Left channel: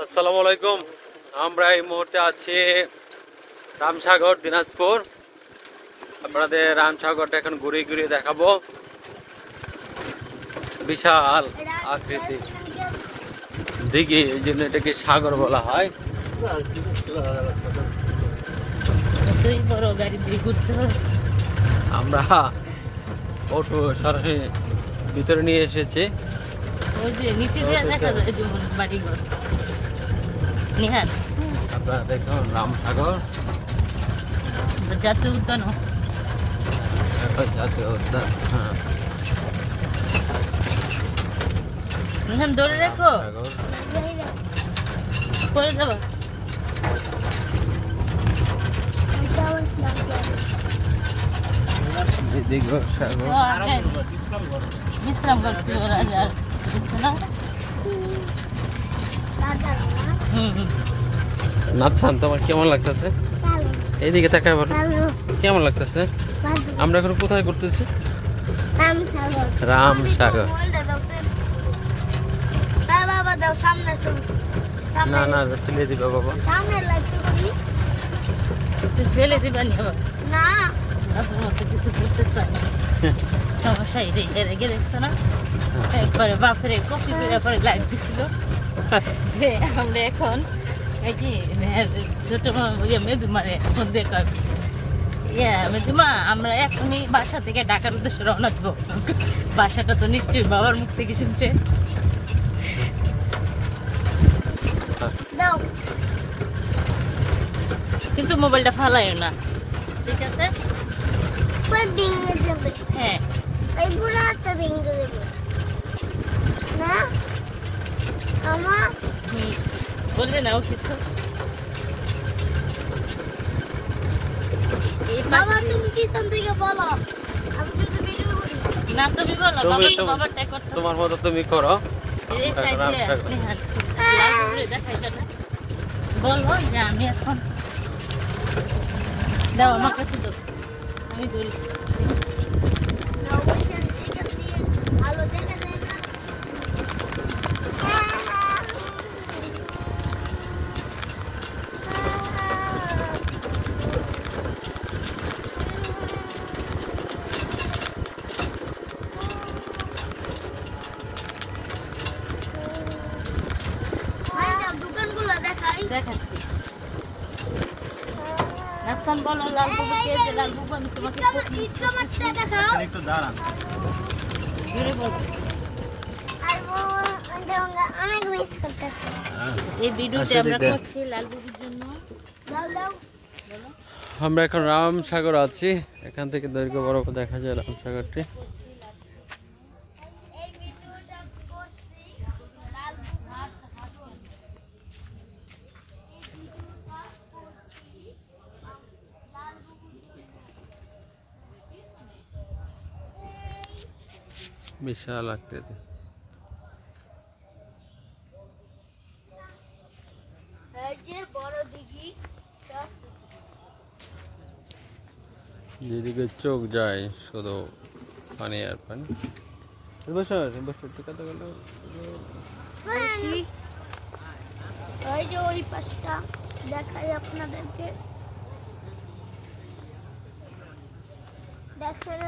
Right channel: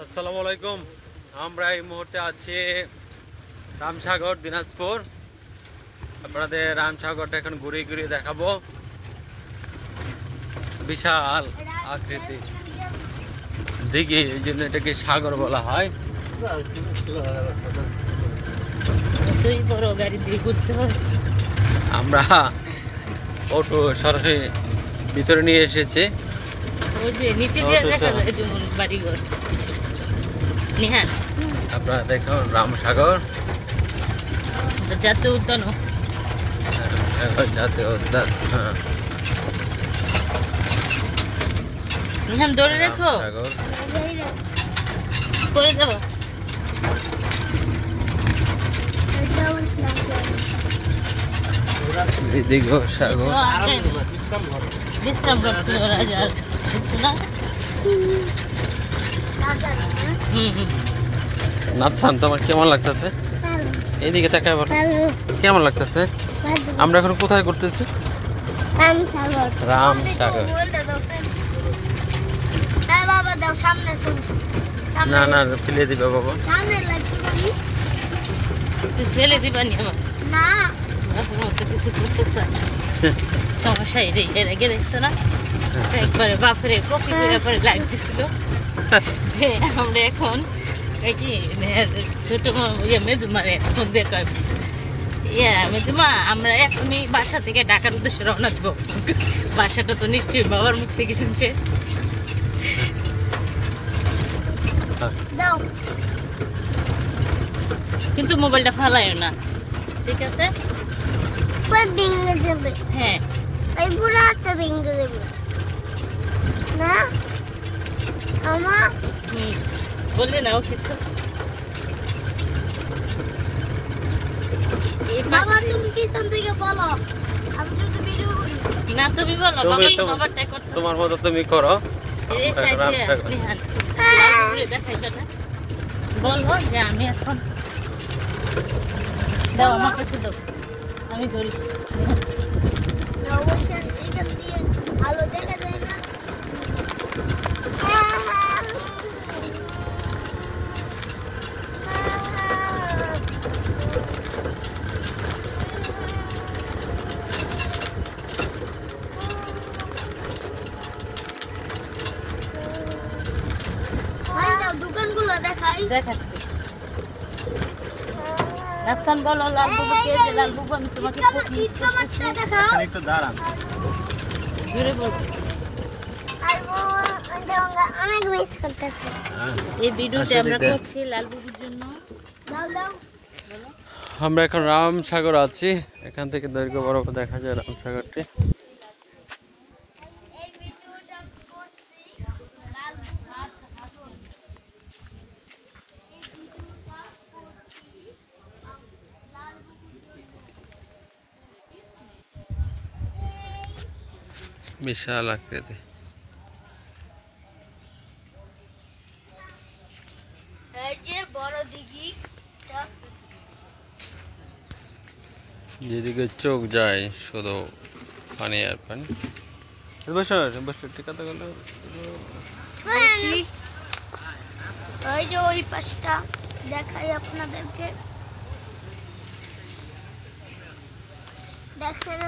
আসসালামু আলাইকুম। আমরা এই মুহূর্তে আছি রামসাগর, দিনাজপুর। আপনাদের রামসাগরটা এখন ঘুরিয়ে ঘুরিয়ে দেখাবো। বিশাল আকৃতি দিঘি, এই জন্য এটাকে সাগর বলা হয়। আমরা অটো সরাসরি ভিতরে নিয়ে এসেছি। আপনারা দেখুন রামসাগর জাতীয় উদ্যান, জাতীয় উদ্যান। হ্যাঁ, ধরে রেখো, করে যাবো। সাগর বিশ্রাম করছিল রাজার না। নাফসান, তোমার কেমন লাগতেছে? এইদিকে তাকাই বলো, কেমন লাগতেছে? আমরা এখন কোথায় করতেছি? রামসাগর। না না, ফেলে দিবে বাবা। ফেলে দিবা নি আবার না, কিছু করতে চাই সমস্যা। এর আগে দেখছো না একবারে বাপরে কপি করে পরে লাইক দিছিল যে আমরা এখন কি ছোট মেজুমারে এখন দেখ মেজুমা আমরা এখনই বাসা থেকে ঢাকার উদ্দেশ্যে রওনা দিব। বাসাটা তো নিশ্চয়ই বাবার মুখ থেকে শুনছে। কিন্তু মোবাইলটা ফালাইও না, ঠিক আছে? হ্যাঁ, বলবে না ও কিছু। না তুমি বলো, তোমার মতো তুমি করো। দেখাইবে না, বলো যে আমি এখন দাও আমার কাছে দাও, আমি করি। দোকানগুলো দেখাচ্ছি। নাফসান বলো লালবুবু কে যে লালবুবু আমি তোমাকে একটু দাঁড়ান জোরে বলো। এই ভিডিওটা আমরা করছি লালবুবুর জন্য। আমরা এখন রামসাগর আছি, এখান থেকে দৈর্ঘ্য বরাবর দেখা যায় রামসাগরটি। বিশাল আকৃতি। যেদিকে চোখ যায় শুধু পানি আর পানি। বসো বসো, টিকাতে গেল ওই যে ওই পাশটা দেখাই আপনাদেরকে, দেখেন।